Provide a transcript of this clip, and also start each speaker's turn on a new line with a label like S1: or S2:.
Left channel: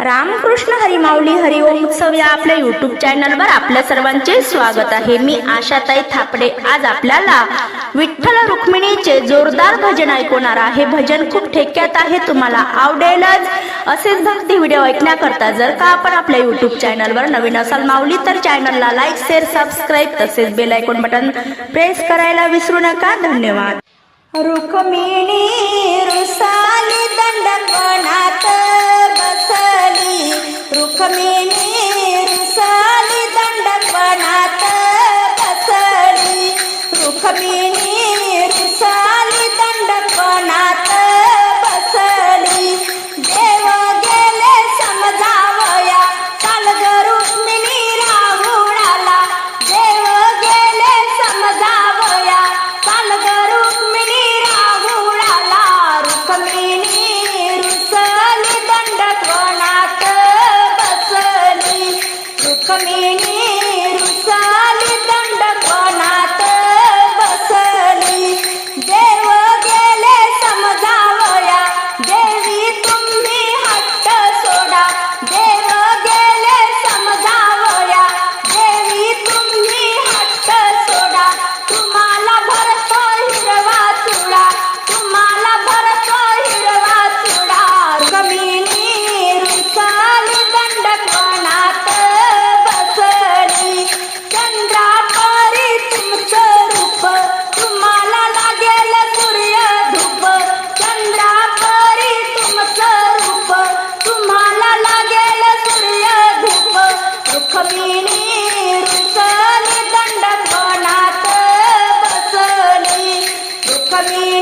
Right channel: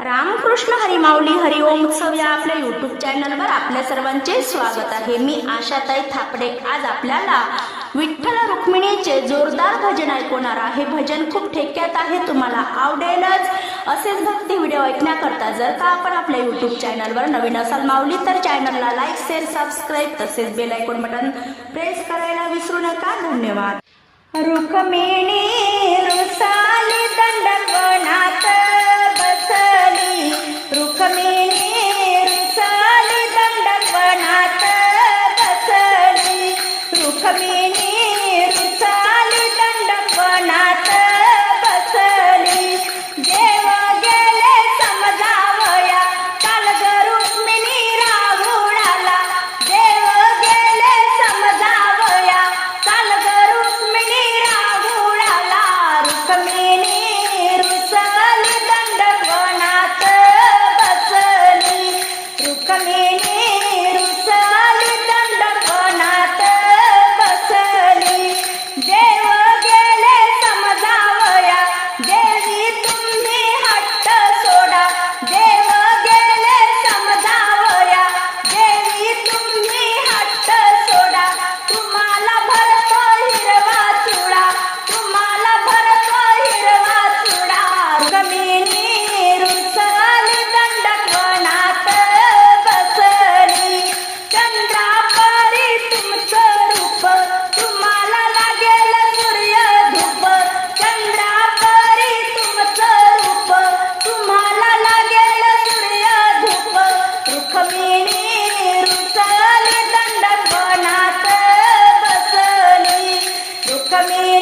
S1: रामकृष्ण हरिमाऊली हरिओम उत्सव या आपल्या युट्यूब चॅनलवर आपल्या सर्वांचे स्वागत आहे मी आशाताई थापडे आज आपल्याला विठ्ठल रुक्मिणीचे जोरदार भजन ऐकवणार आहे भजन खूप ठेक्यात आहे तुम्हाला आवडेलच असेच भक्ती व्हिडिओ ऐकण्याकरता जर का आपण आपल्या युट्यूब चॅनलवर नवीन असाल माऊली तर चॅनलला लाईक शेअर सबस्क्राईब तसेच बेल आयकॉन बटन प्रेस करायला विसरू नका धन्यवाद
S2: रुक्मिणी रुसाली दंडको जखमी साली दंडपणात बसली देव गेले समजावया कालग रुक्मिणी राहुणाला देव गेले समजावया कालग रुक्मिणी राहुणाला रुक्मिणी रुसली दंडपणात बसली रुक्मिणी Come in.